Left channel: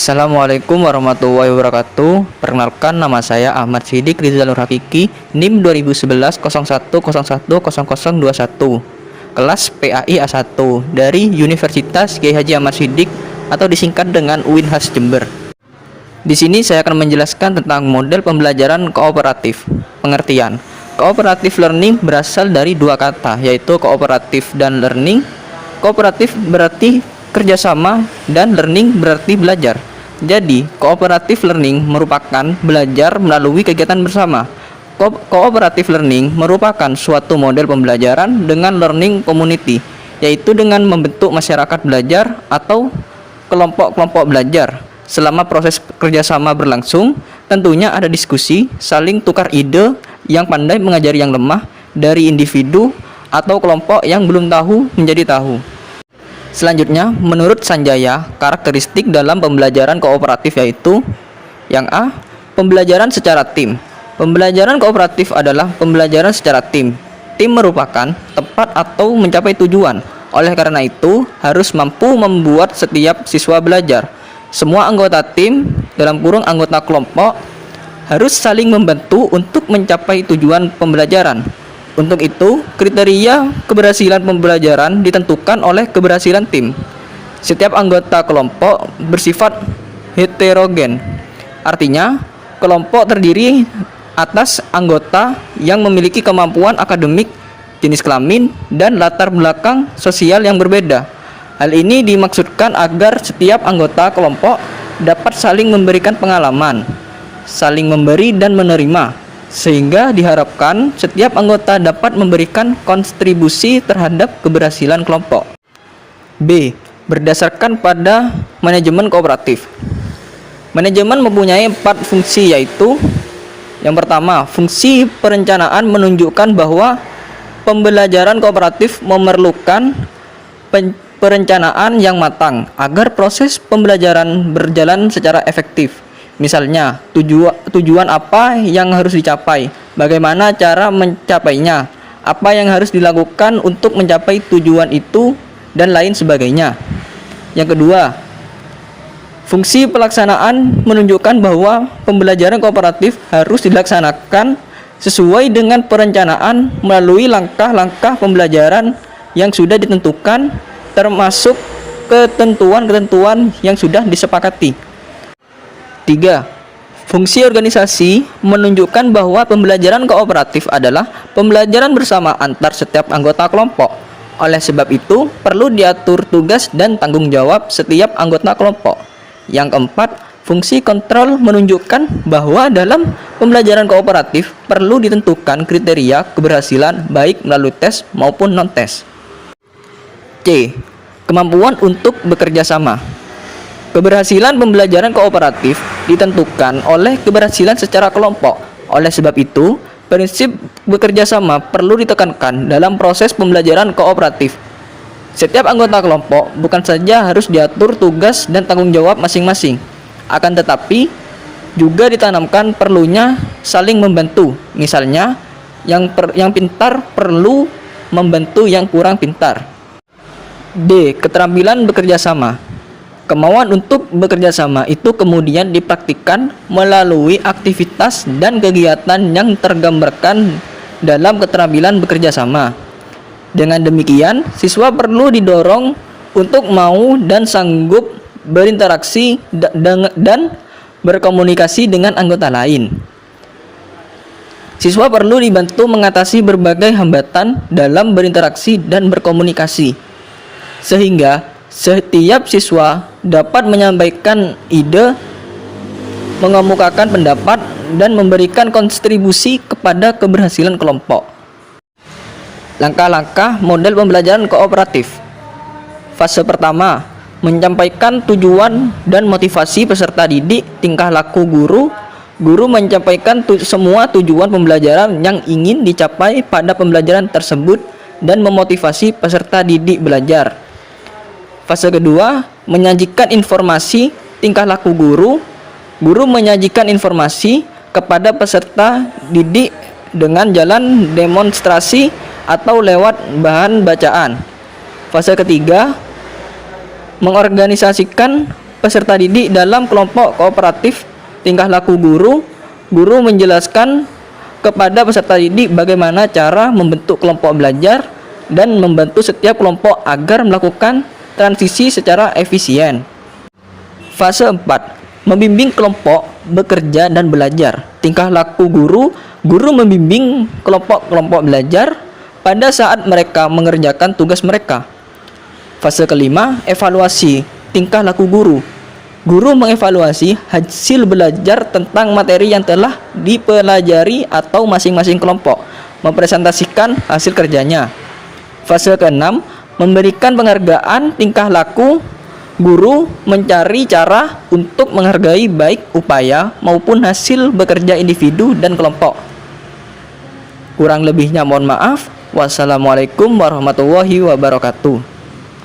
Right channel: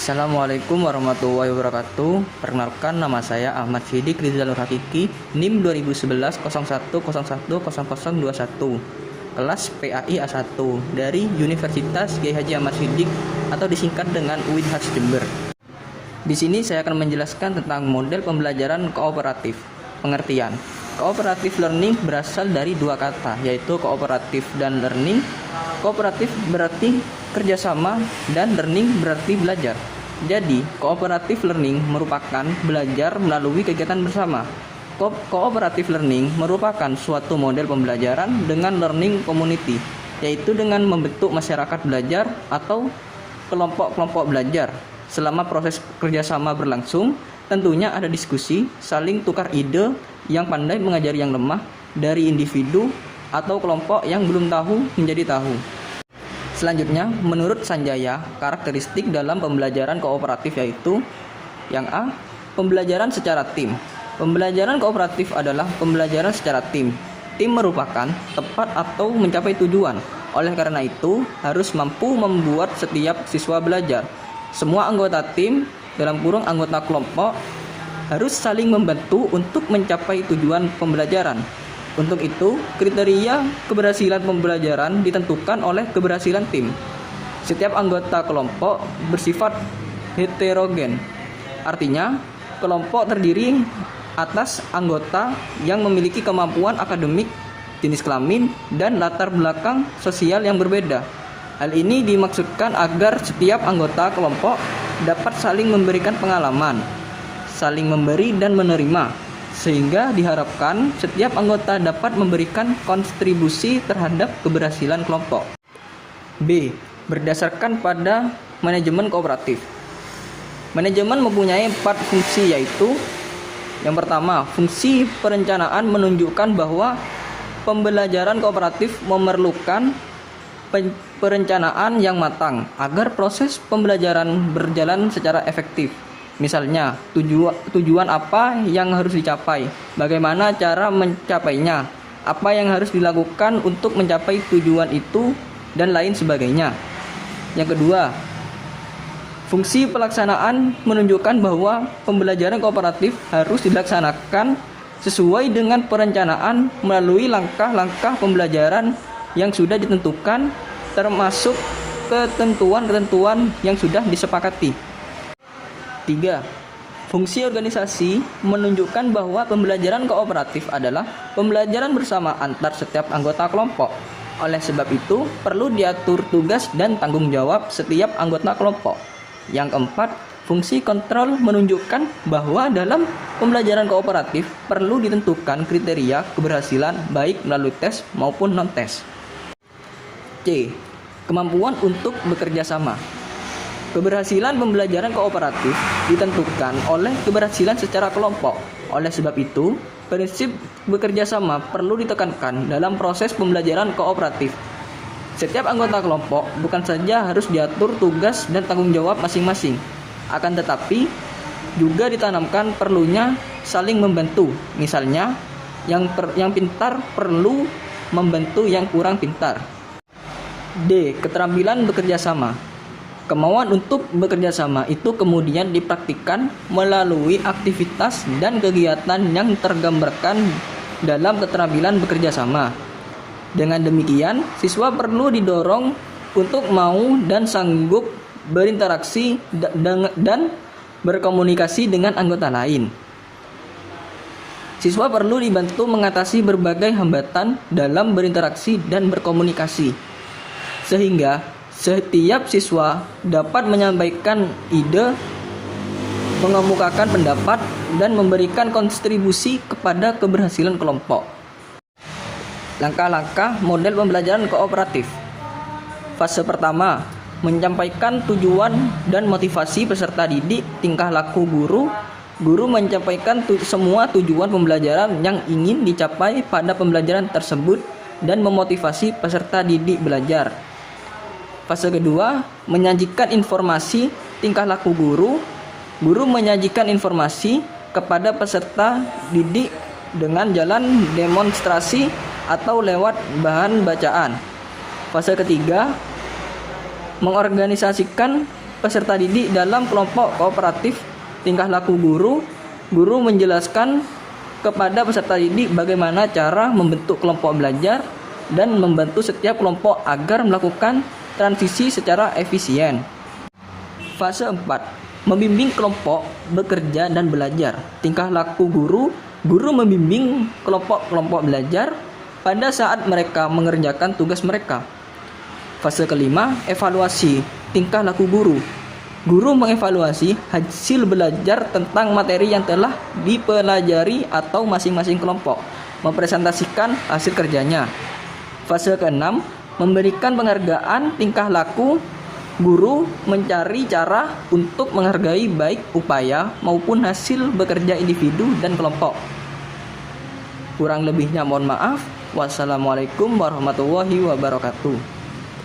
Assalamualaikum warahmatullahi wabarakatuh. Perkenalkan, nama saya Ahmad Sidik Rizal Nur Hakiki, NIM 2011 01010021, kelas PAI A1 dari Universitas Kiai Haji Ahmad Sidik atau disingkat dengan UINHAS Jember. Di sini saya akan menjelaskan tentang model pembelajaran kooperatif. Pengertian: kooperatif learning berasal dari dua kata, yaitu kooperatif dan learning. Kooperatif berarti kerjasama dan learning berarti belajar. Jadi, kooperatif learning merupakan belajar melalui kegiatan bersama. Kooperatif learning merupakan suatu model pembelajaran dengan learning community, yaitu dengan membentuk masyarakat belajar atau kelompok-kelompok belajar. Selama proses kerjasama berlangsung, tentunya ada diskusi, saling tukar ide, yang pandai mengajari yang lemah, dari individu atau kelompok yang belum tahu menjadi tahu. Selanjutnya, menurut Sanjaya, karakteristik dalam pembelajaran kooperatif yaitu: yang A, pembelajaran secara tim. Pembelajaran kooperatif adalah pembelajaran secara tim. Tim merupakan tempat atau mencapai tujuan. Oleh karena itu, harus mampu membuat setiap siswa belajar. Semua anggota tim, dalam kurung anggota kelompok, harus saling membantu untuk mencapai tujuan pembelajaran. Untuk itu, kriteria keberhasilan pembelajaran ditentukan oleh keberhasilan tim. Setiap anggota kelompok bersifat heterogen. Artinya, kelompok terdiri atas anggota yang memiliki kemampuan akademik, jenis kelamin, dan latar belakang sosial yang berbeda. Hal ini dimaksudkan agar setiap anggota kelompok dapat saling memberikan pengalaman, saling memberi dan menerima, sehingga diharapkan setiap anggota dapat memberikan kontribusi terhadap keberhasilan kelompok. B. Berdasarkan pada manajemen kooperatif. Manajemen mempunyai 4 fungsi, yaitu: yang pertama, fungsi perencanaan menunjukkan bahwa pembelajaran kooperatif memerlukan perencanaan yang matang agar proses pembelajaran berjalan secara efektif. Misalnya, tujuan apa yang harus dicapai, bagaimana cara mencapainya, apa yang harus dilakukan untuk mencapai tujuan itu, dan lain sebagainya. Yang kedua, fungsi pelaksanaan menunjukkan bahwa pembelajaran kooperatif harus dilaksanakan sesuai dengan perencanaan melalui langkah-langkah pembelajaran yang sudah ditentukan, termasuk ketentuan-ketentuan yang sudah disepakati. 3. Fungsi organisasi menunjukkan bahwa pembelajaran kooperatif adalah pembelajaran bersama antar setiap anggota kelompok. Oleh sebab itu, perlu diatur tugas dan tanggung jawab setiap anggota kelompok. Yang keempat, fungsi kontrol menunjukkan bahwa dalam pembelajaran kooperatif perlu ditentukan kriteria keberhasilan baik melalui tes maupun non-tes. C. Kemampuan untuk bekerja sama. Keberhasilan pembelajaran kooperatif ditentukan oleh keberhasilan secara kelompok. Oleh sebab itu, prinsip bekerja sama perlu ditekankan dalam proses pembelajaran kooperatif. Setiap anggota kelompok bukan saja harus diatur tugas dan tanggung jawab masing-masing, akan tetapi juga ditanamkan perlunya saling membantu. Misalnya, yang pintar perlu membantu yang kurang pintar. D. Keterampilan bekerja sama. Kemauan untuk bekerja sama itu kemudian dipraktikkan melalui aktivitas dan kegiatan yang tergambarkan dalam keterampilan bekerja sama. Dengan demikian, siswa perlu didorong untuk mau dan sanggup berinteraksi dan berkomunikasi dengan anggota lain. Siswa perlu dibantu mengatasi berbagai hambatan dalam berinteraksi dan berkomunikasi, sehingga setiap siswa dapat menyampaikan ide, mengemukakan pendapat, dan memberikan kontribusi kepada keberhasilan kelompok. Langkah-langkah model pembelajaran kooperatif. Fase pertama, menyampaikan tujuan dan motivasi peserta didik. Tingkah laku guru. Guru menyampaikan semua tujuan pembelajaran yang ingin dicapai pada pembelajaran tersebut dan memotivasi peserta didik belajar. Fase kedua, menyajikan informasi. Tingkah laku guru. Guru menyajikan informasi kepada peserta didik dengan jalan demonstrasi atau lewat bahan bacaan. Fase ketiga, mengorganisasikan peserta didik dalam kelompok kooperatif tingkah laku guru. Guru menjelaskan kepada peserta didik bagaimana cara membentuk kelompok belajar dan membantu setiap kelompok agar melakukan transisi secara efisien. Fase 4. Membimbing kelompok bekerja dan belajar. Tingkah laku guru. Guru membimbing kelompok-kelompok belajar pada saat mereka mengerjakan tugas mereka. Fase kelima, evaluasi tingkah laku guru. Guru mengevaluasi hasil belajar tentang materi yang telah dipelajari atau masing-masing kelompok mempresentasikan hasil kerjanya. Fase keenam, memberikan penghargaan tingkah laku. Guru mencari cara untuk menghargai baik upaya maupun hasil bekerja individu dan kelompok. Kurang lebihnya mohon maaf. Wassalamualaikum warahmatullahi wabarakatuh.